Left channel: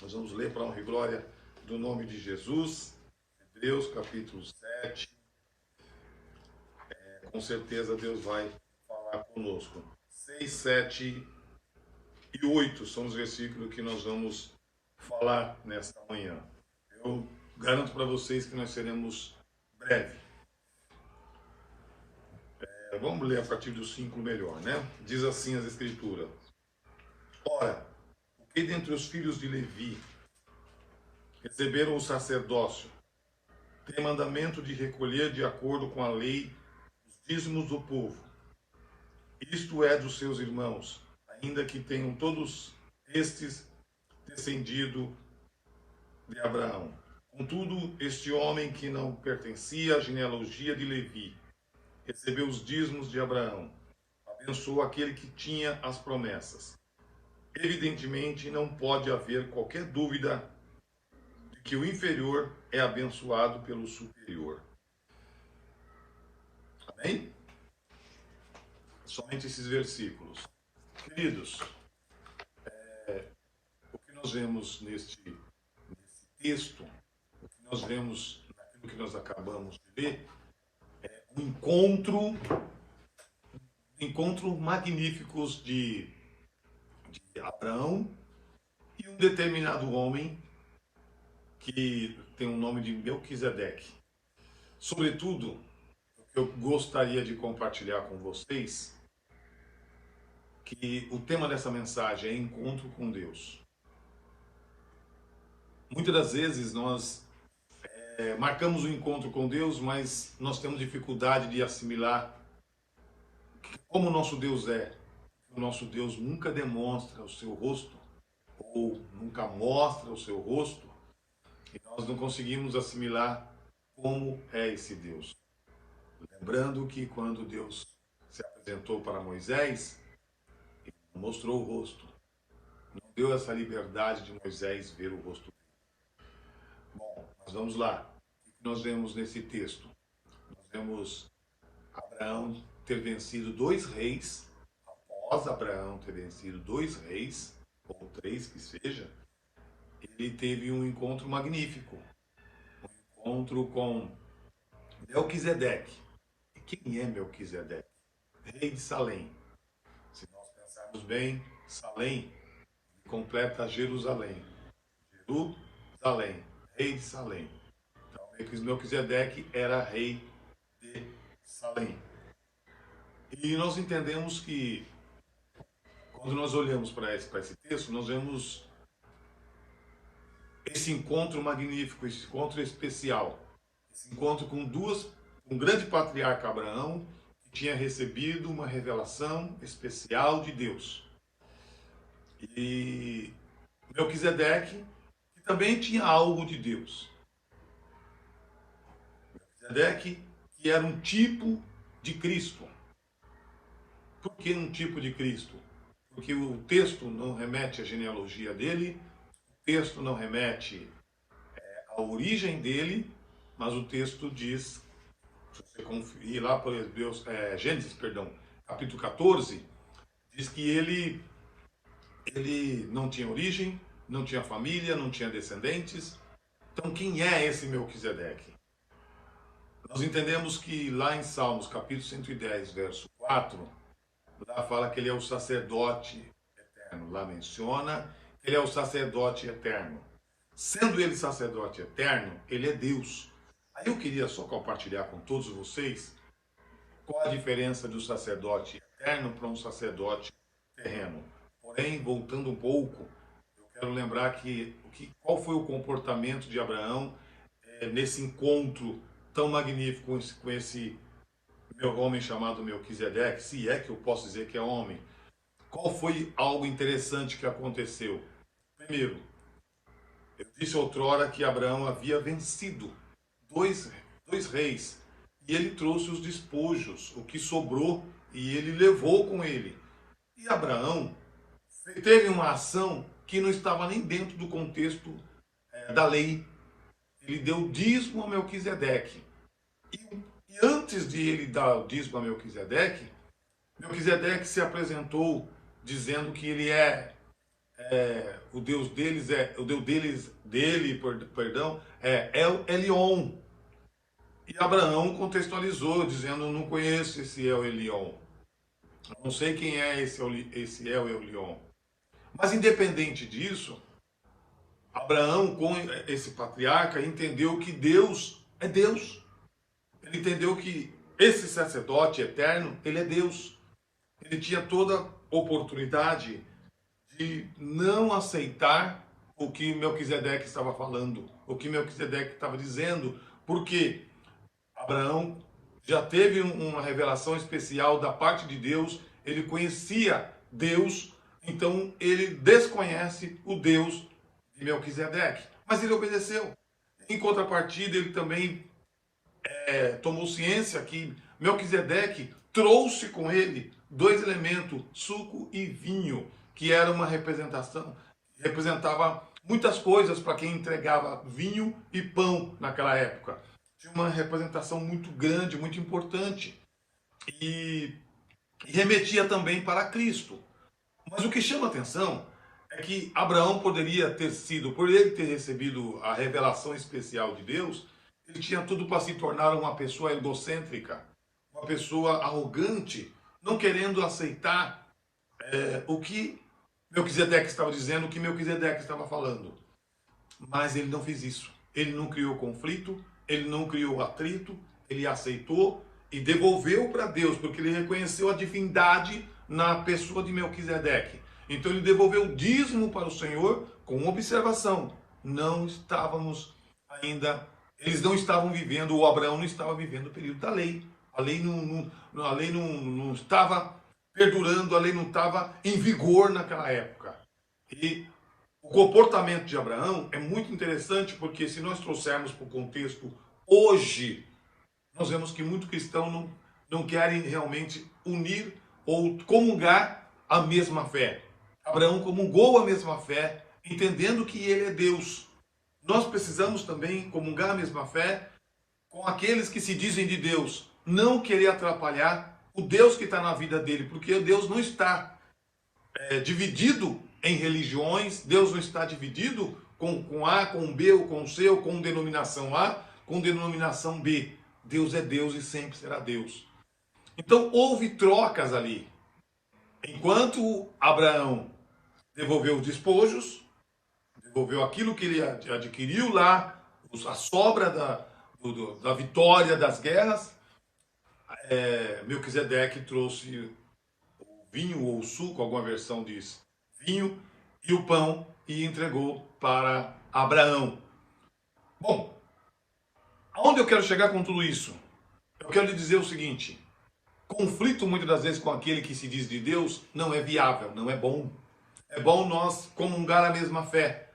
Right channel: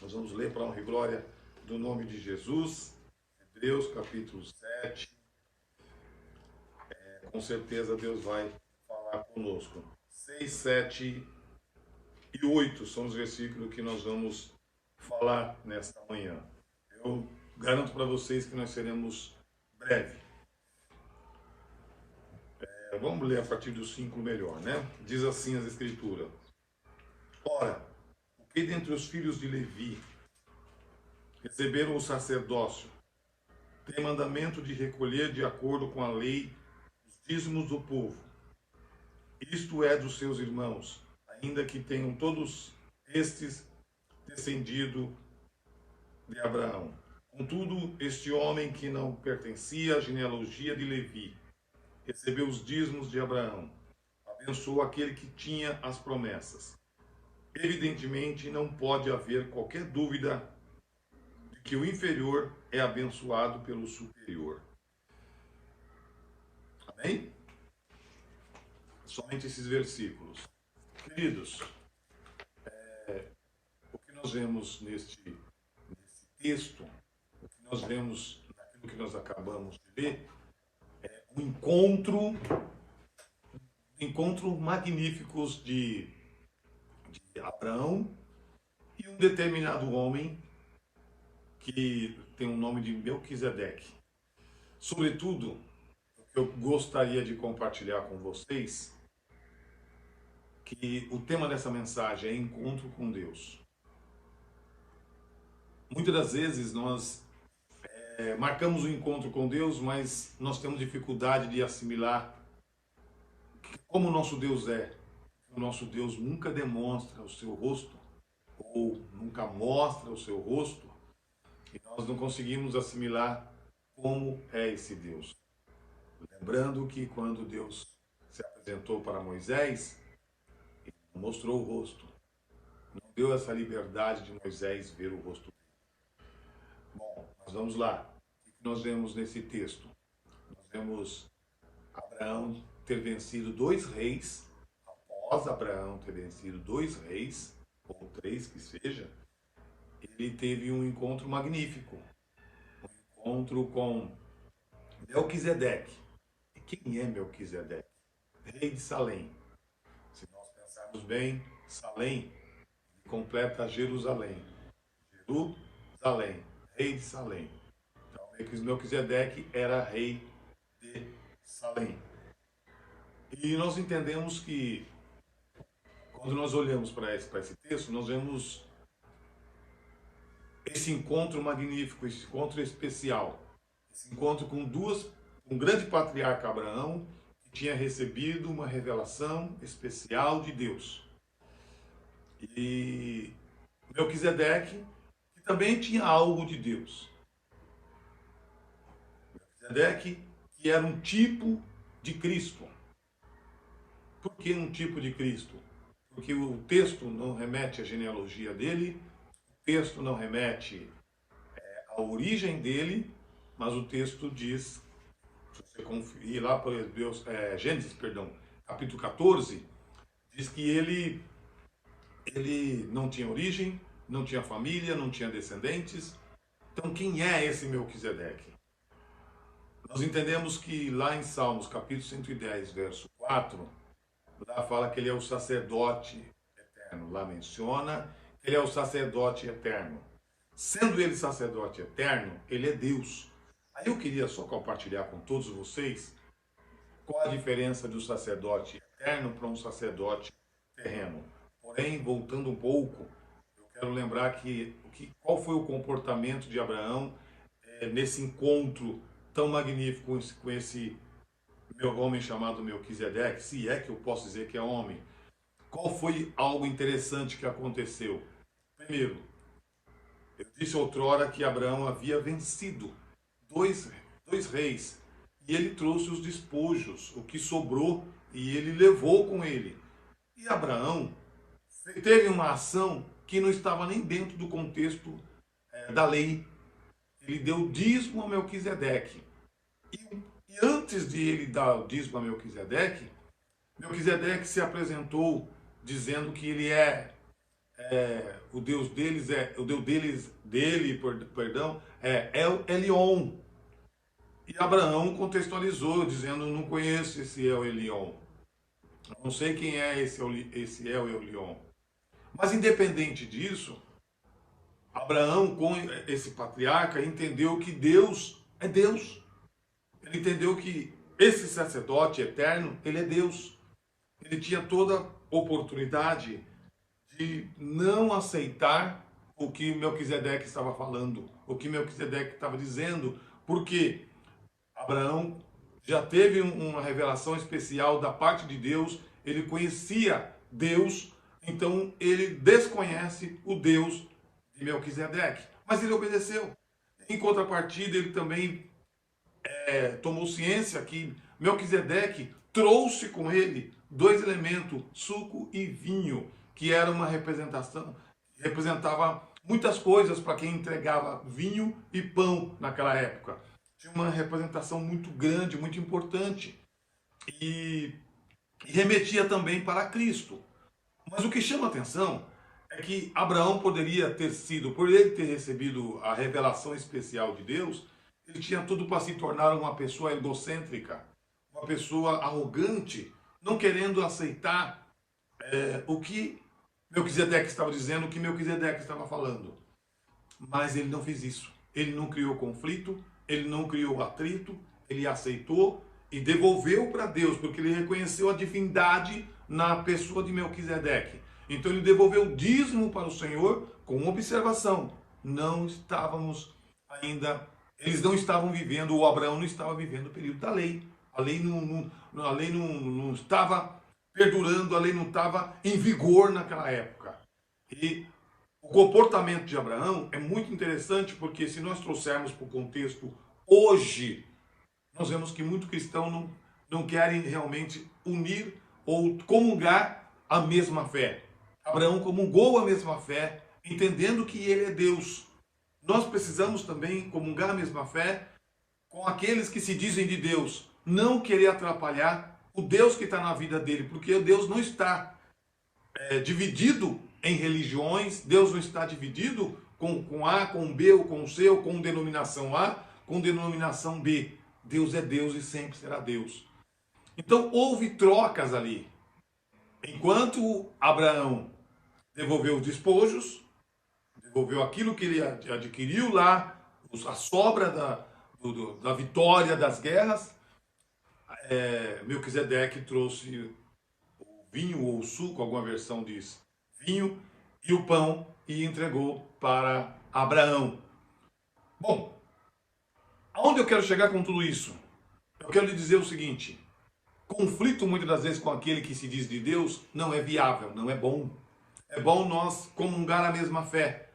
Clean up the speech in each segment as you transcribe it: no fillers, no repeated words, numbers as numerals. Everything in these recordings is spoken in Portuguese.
Nós vamos ler para a honra e glória do nome de Jesus, Hebreus capítulo 7. Com certeza Deus vai falar conosco. 6, 7 e 8 são os versículos que nós vamos falar nesta manhã. Eu garanto para vocês que nós seremos breve. Vamos ler a partir do 5 melhor, né? Diz assim as Escrituras. Ora, o que dentre os filhos de Levi receberam o sacerdócio tem mandamento de recolher de acordo com a lei os dízimos do povo, isto é, dos seus irmãos, ainda que tenham todos estes descendido de Abraão. Contudo, este homem que não pertencia à genealogia de Levi recebeu os dízimos de Abraão, abençoou aquele que tinha as promessas. Evidentemente, não pode haver qualquer dúvida de que o inferior é abençoado pelo superior. Amém? Somente esses versículos. Queridos, o que nós vemos nesse texto, o que nós vemos naquilo que nós acabamos de ler, é um encontro magníficos de Abraão e um determinado homem que tem o nome de Melquisedeque. Sobretudo, o que eu gostaria de compartilhar com vocês, que o tema dessa mensagem é encontro com Deus. Muitas das vezes nós marcamos o encontro com Deus, mas nós temos dificuldade de assimilar como o nosso Deus é. O nosso Deus nunca demonstra o seu rosto, ou nunca mostra o seu rosto, e nós não conseguimos assimilar como é esse Deus. Lembrando que quando Deus se apresentou para Moisés, ele não mostrou o rosto, não deu essa liberdade de Moisés ver o rosto dele. Bom, mas vamos lá. O que nós vemos nesse texto? Nós vemos Abraão ter vencido 2 reis. Após Abraão ter vencido 2 reis, ou 3 que seja, ele teve um encontro magnífico. Um encontro com Melquisedeque. E quem é Melquisedeque? Rei de Salém. Se nós pensarmos bem, Salém completa Jerusalém. Jerusalém, rei de Salém. Então, Melquisedeque era rei de Salém. E nós entendemos que, quando nós olhamos para esse texto, nós vemos esse encontro magnífico, esse encontro especial. Esse encontro com um grande patriarca Abraão, que tinha recebido uma revelação especial de Deus. E Melquisedeque, que também tinha algo de Deus. Melquisedeque, que era um tipo de Cristo. Por que um tipo de Cristo? Porque o texto não remete à genealogia dele, o texto não remete à origem dele, mas o texto diz, se você conferir lá para Gênesis, capítulo 14, diz que ele não tinha origem, não tinha família, não tinha descendentes. Então, quem é esse Melquisedeque? Nós entendemos que lá em Salmos, capítulo 110, verso 4, lá fala que ele é o sacerdote eterno. Lá menciona que ele é o sacerdote eterno. Sendo ele sacerdote eterno, ele é Deus. Aí eu queria só compartilhar com todos vocês qual a diferença do sacerdote eterno para um sacerdote terreno. Porém, voltando um pouco, eu quero lembrar qual foi o comportamento de Abraão nesse encontro tão magnífico com esse meu homem chamado Melquisedeque, se é que eu posso dizer que é homem. Qual foi algo interessante que aconteceu? Primeiro, eu disse outrora que Abraão havia vencido dois reis, e ele trouxe os despojos, o que sobrou, e ele levou com ele. E Abraão teve uma ação que não estava nem dentro do contexto da lei. Ele deu dízimo a Melquisedeque. E antes de ele dar o dízimo a Melquisedeque, Melquisedeque se apresentou dizendo que ele é o Deus deles perdão, é El Elyon. E Abraão contextualizou, dizendo, não conheço esse El Elyon. Não sei quem é esse El Elyon. Mas independente disso, Abraão, com esse patriarca, entendeu que Deus é Deus. Ele entendeu que esse sacerdote eterno, ele é Deus. Ele tinha toda oportunidade de não aceitar o que Melquisedeque estava falando, o que Melquisedeque estava dizendo, porque Abraão já teve uma revelação especial da parte de Deus, ele conhecia Deus, então ele desconhece o Deus de Melquisedeque, mas ele obedeceu. Em contrapartida, ele também tomou ciência que Melquisedeque trouxe com ele dois elementos, suco e vinho, que era uma representação, representava muitas coisas para quem entregava vinho e pão naquela época. Tinha uma representação muito grande, muito importante, e remetia também para Cristo. Mas o que chama atenção é que Abraão poderia ter sido, por ele ter recebido a revelação especial de Deus, ele tinha tudo para se tornar uma pessoa egocêntrica, uma pessoa arrogante, não querendo aceitar o que Melquisedeque estava dizendo, o que Melquisedeque estava falando. Mas ele não fez isso. Ele não criou conflito, ele não criou atrito, ele aceitou e devolveu para Deus, porque ele reconheceu a divindade na pessoa de Melquisedeque. Então ele devolveu o dízimo para o Senhor com observação. Não estávamos ainda, eles não estavam vivendo, o Abraão não estava vivendo o período da lei. A lei não estava perdurando, a lei não estava em vigor naquela época. E o comportamento de Abraão é muito interessante, porque se nós trouxermos para o contexto hoje, nós vemos que muitos cristãos não querem realmente unir ou comungar a mesma fé. Abraão comungou a mesma fé, entendendo que ele é Deus. Nós precisamos também comungar a mesma fé com aqueles que se dizem de Deus, não querer atrapalhar o Deus que está na vida dele, porque Deus não está dividido em religiões, Deus não está dividido com A, com B, ou com C, ou com denominação A, com denominação B. Deus é Deus e sempre será Deus. Então houve trocas ali. Enquanto Abraão devolveu os despojos, devolveu aquilo que ele adquiriu lá, a sobra da vitória das guerras, Melquisedeque trouxe o vinho ou o suco, alguma versão diz vinho, e o pão, e entregou para Abraão. Bom, aonde eu quero chegar com tudo isso? Eu quero lhe dizer o seguinte: conflito muitas das vezes com aquele que se diz de Deus não é viável, não é bom. É bom nós comungar a mesma fé.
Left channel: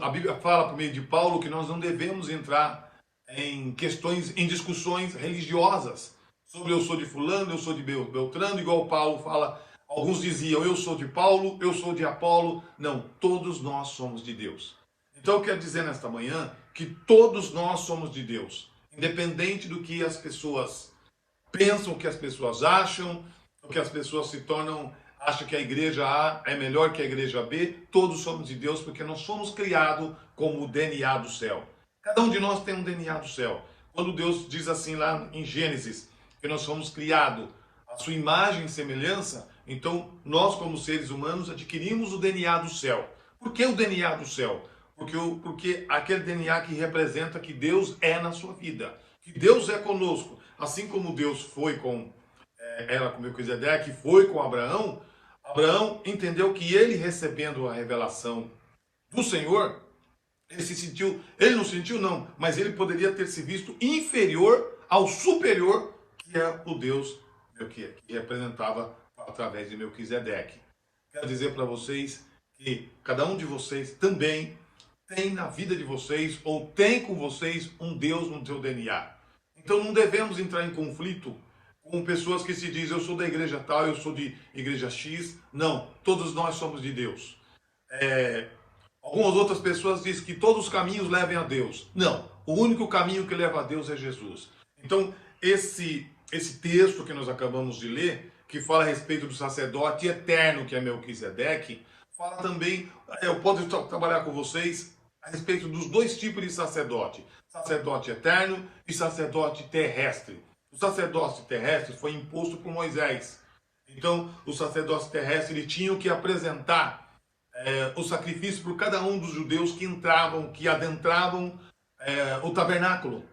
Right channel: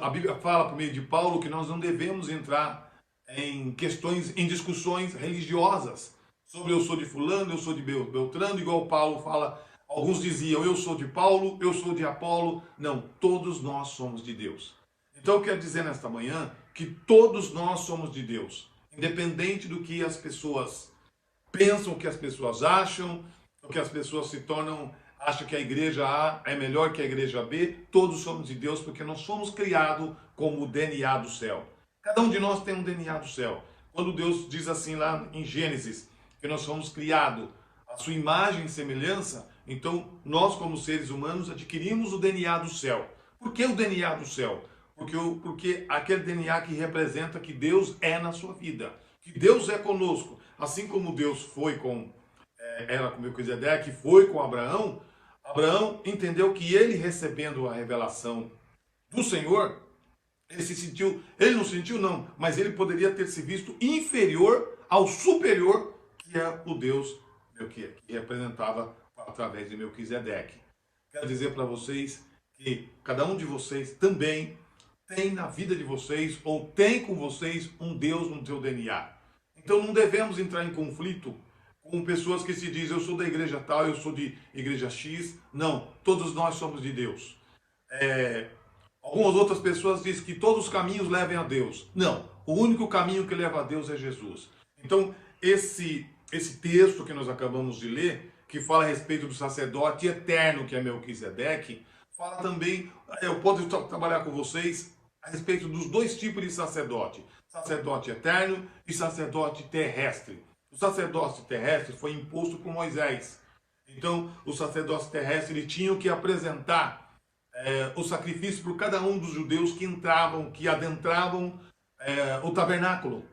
A Bíblia fala por meio de Paulo que nós não devemos entrar em questões, em discussões religiosas sobre eu sou de fulano, eu sou de Beltrano, igual Paulo fala. Alguns diziam eu sou de Paulo, eu sou de Apolo. Não, todos nós somos de Deus. Então eu quero dizer nesta manhã que todos nós somos de Deus, independente do que as pessoas pensam, o que as pessoas acham, o que as pessoas se tornam, acham que a igreja A é melhor que a igreja B. Todos somos de Deus porque nós fomos criados como o DNA do céu. Cada um de nós tem um DNA do céu. Quando Deus diz assim lá em Gênesis, que nós fomos criados à sua imagem e semelhança, então nós como seres humanos adquirimos o DNA do céu. Por que o DNA do céu? Porque aquele DNA que representa que Deus é na sua vida, que Deus é conosco. Assim como Deus foi era com Melquisedeque, foi com Abraão, Abraão entendeu que ele recebendo a revelação do Senhor, ele não sentiu não, mas ele poderia ter se visto inferior ao superior, que é o Deus que representava através de Melquisedeque. Quero dizer para vocês que cada um de vocês também tem na vida de vocês, ou tem com vocês, um Deus no seu DNA. Então não devemos entrar em conflito com pessoas que se dizem eu sou da igreja tal, eu sou de igreja X. Não, todos nós somos de Deus. Algumas outras pessoas dizem que todos os caminhos levem a Deus. Não, o único caminho que leva a Deus é Jesus. Então esse texto que nós acabamos de ler, que fala a respeito do sacerdote eterno que é Melquisedeque, fala também, eu posso trabalhar com vocês a respeito dos dois tipos de sacerdote. Sacerdote eterno e sacerdote terrestre. O sacerdócio terrestre foi imposto por Moisés. Então, os sacerdotes terrestres tinham que apresentar o sacrifício por cada um dos judeus que entravam, que adentravam o tabernáculo.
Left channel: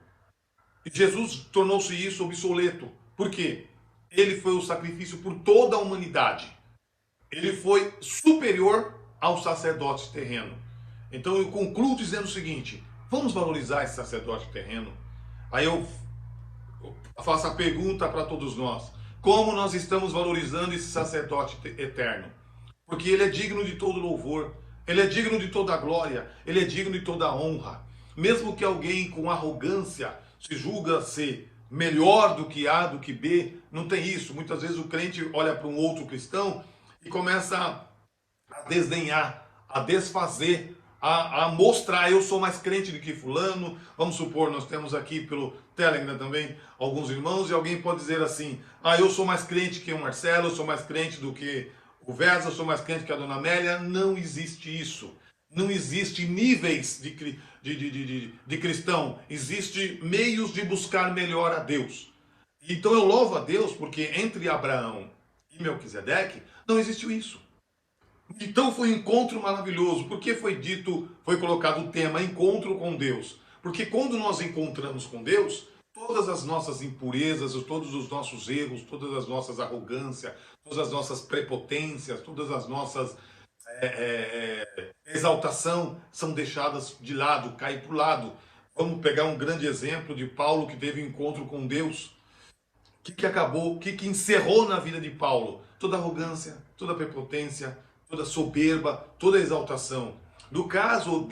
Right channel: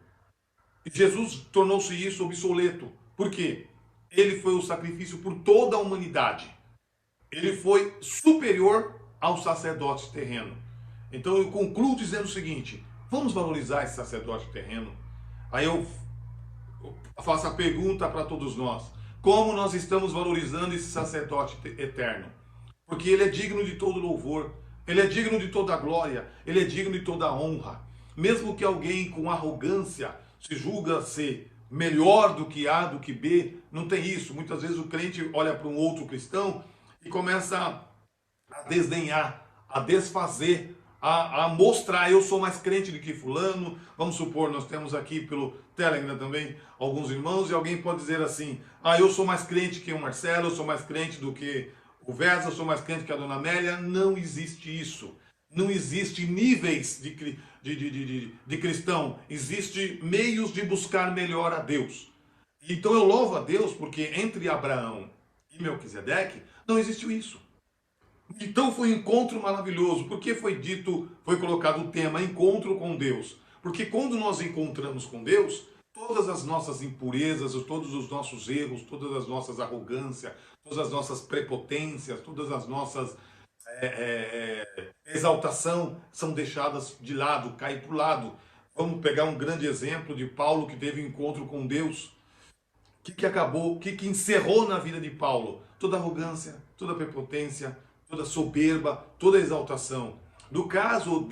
E Jesus tornou-se isso obsoleto. Por quê? Ele foi o sacrifício por toda a humanidade. Ele foi superior ao sacerdote terreno. Então eu concluo dizendo o seguinte: vamos valorizar esse sacerdote terreno. Aí eu faço a pergunta para todos nós: como nós estamos valorizando esse sacerdote eterno? Porque ele é digno de todo louvor, ele é digno de toda glória, ele é digno de toda honra. Mesmo que alguém com arrogância se julga ser melhor do que A, do que B, não tem isso. Muitas vezes o crente olha para um outro cristão e começa a desdenhar, a desfazer, a mostrar: eu sou mais crente do que fulano. Vamos supor, nós temos aqui pelo Telegram também alguns irmãos, e alguém pode dizer assim: eu sou mais crente que o Marcelo, eu sou mais crente do que o Versa, eu sou mais crente que a Dona Amélia. Não existe isso. Não existe níveis de cristão. Existe meios de buscar melhor a Deus. Então eu louvo a Deus porque entre Abraão e Melquisedeque não existiu isso. Então foi um encontro maravilhoso. Por que foi colocado o tema encontro com Deus? Porque quando nós encontramos com Deus, todas as nossas impurezas, todos os nossos erros, todas as nossas arrogâncias, todas as nossas prepotências, todas as nossas exaltação são deixadas de lado, caem para o lado. Vamos pegar um grande exemplo de Paulo, que teve um encontro com Deus. O que acabou, o que encerrou na vida de Paulo? Toda arrogância, toda prepotência, toda soberba, toda exaltação. No caso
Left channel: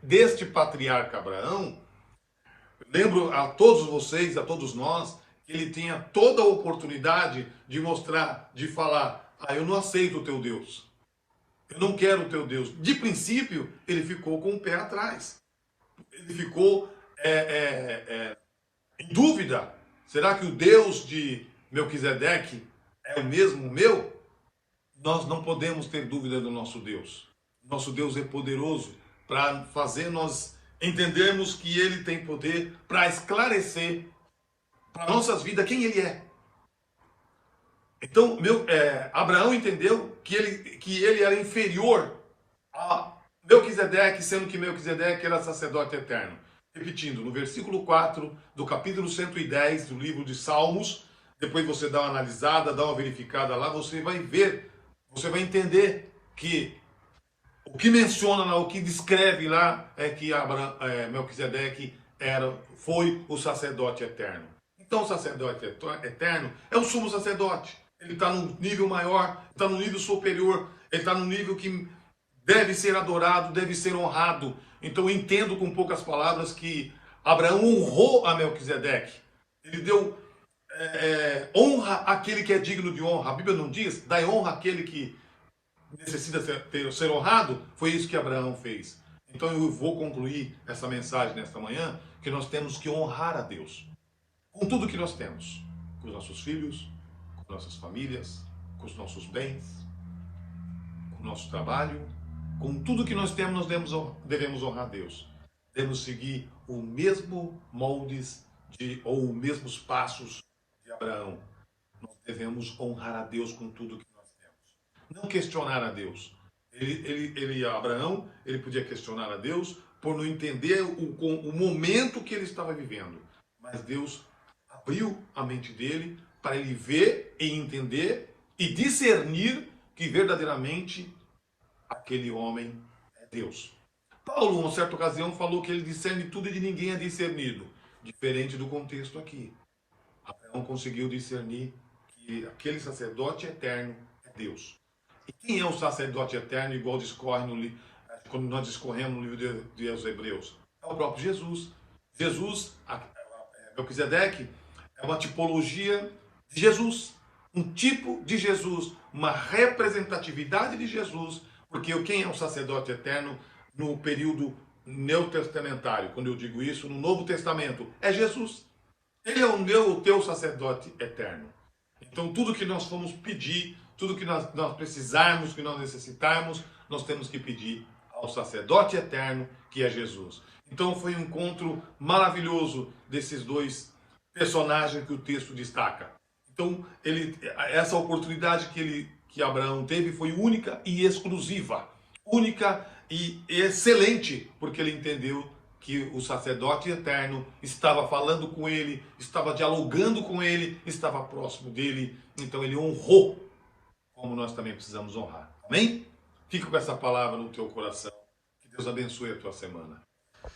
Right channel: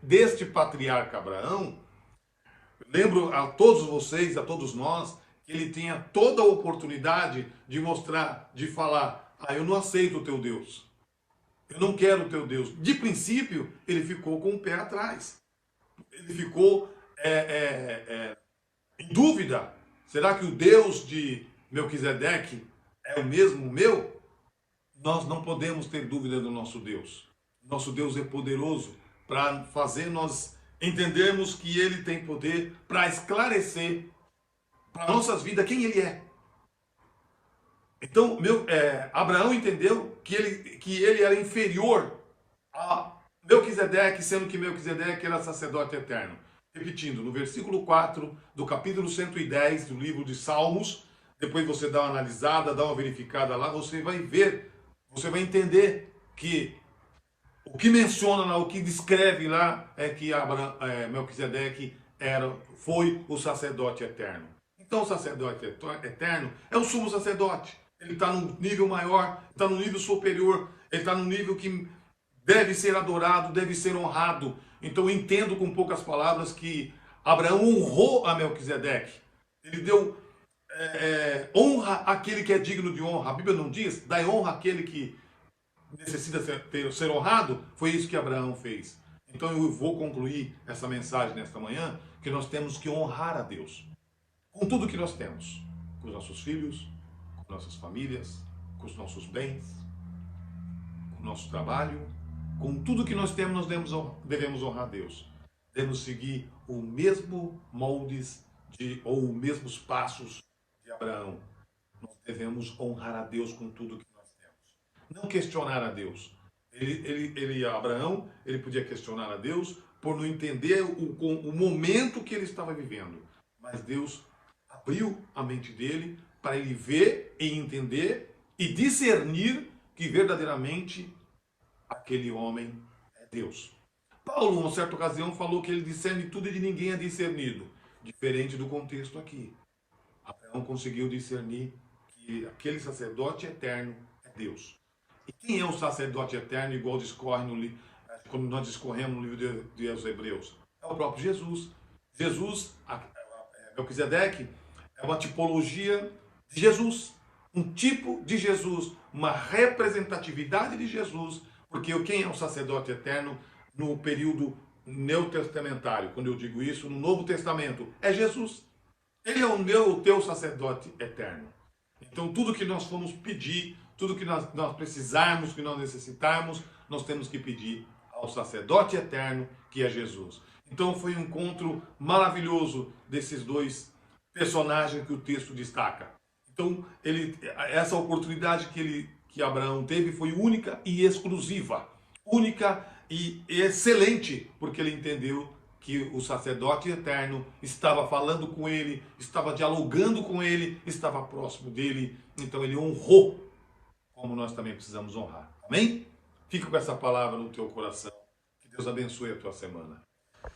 deste patriarca Abraão, lembro a todos vocês, a todos nós, que ele tinha toda a oportunidade de mostrar, de falar: eu não aceito o teu Deus. Eu não quero o teu Deus. De princípio, ele ficou com o pé atrás. Ele ficou em dúvida. Será que o Deus de Melquisedeque é o mesmo meu? Nós não podemos ter dúvida do nosso Deus. Nosso Deus é poderoso para fazer nós entendermos que ele tem poder para esclarecer para nossas vidas quem ele é. Então, Abraão entendeu que ele era inferior a Melquisedeque, sendo que Melquisedeque era sacerdote eterno. Repetindo, no versículo 4 do capítulo 110 do livro de Salmos, depois você dá uma analisada, dá uma verificada lá, você vai ver, você vai entender que o que menciona lá, o que descreve lá é que Melquisedeque foi o sacerdote eterno. Então o sacerdote eterno é o sumo sacerdote. Ele está num nível maior, está num nível superior, ele está num nível que deve ser adorado, deve ser honrado. Então eu entendo com poucas palavras que Abraão honrou a Melquisedeque. Ele deu honra àquele que é digno de honra. A Bíblia não diz: dai honra àquele que necessita ser honrado. Foi isso que Abraão fez. Então eu vou concluir essa mensagem nesta manhã, que nós temos que honrar a Deus com tudo que nós temos, com os nossos filhos, com nossas famílias, com os nossos bens, com o nosso trabalho, com tudo que nós temos. Nós devemos honrar a Deus. Devemos seguir o mesmo moldes ou os mesmos passos de Abraão. Nós devemos honrar a Deus com tudo que nós temos. Não questionar a Deus. Abraão, ele podia questionar a Deus por não entender o momento que ele estava vivendo. Mas Deus abriu a mente dele para ele ver e entender e discernir que verdadeiramente aquele homem é Deus. Paulo, em uma certa ocasião, falou que ele discerne tudo e de ninguém é discernido. Diferente do contexto aqui. Abraão conseguiu discernir que aquele sacerdote eterno é Deus. E quem é o sacerdote eterno, igual discorre quando nós discorremos no livro de Hebreus? É o próprio Jesus. Melquisedeque é uma tipologia de Jesus, um tipo de Jesus, uma representatividade de Jesus, porque quem é o sacerdote eterno no período neotestamentário, quando eu digo isso, no Novo Testamento, é Jesus. Ele é o teu sacerdote eterno. Então tudo que nós formos pedir, tudo que nós precisarmos, que nós necessitarmos, nós temos que pedir ao sacerdote eterno, que é Jesus. Então foi um encontro maravilhoso desses dois personagens que o texto destaca. Então, essa oportunidade que Abraão teve foi única e exclusiva. Única e excelente, porque ele entendeu que o sacerdote eterno estava falando com ele, estava dialogando com ele, estava próximo dele. Então ele honrou, como nós também precisamos honrar. Amém? Fica com essa palavra no teu coração. Que Deus abençoe a tua semana.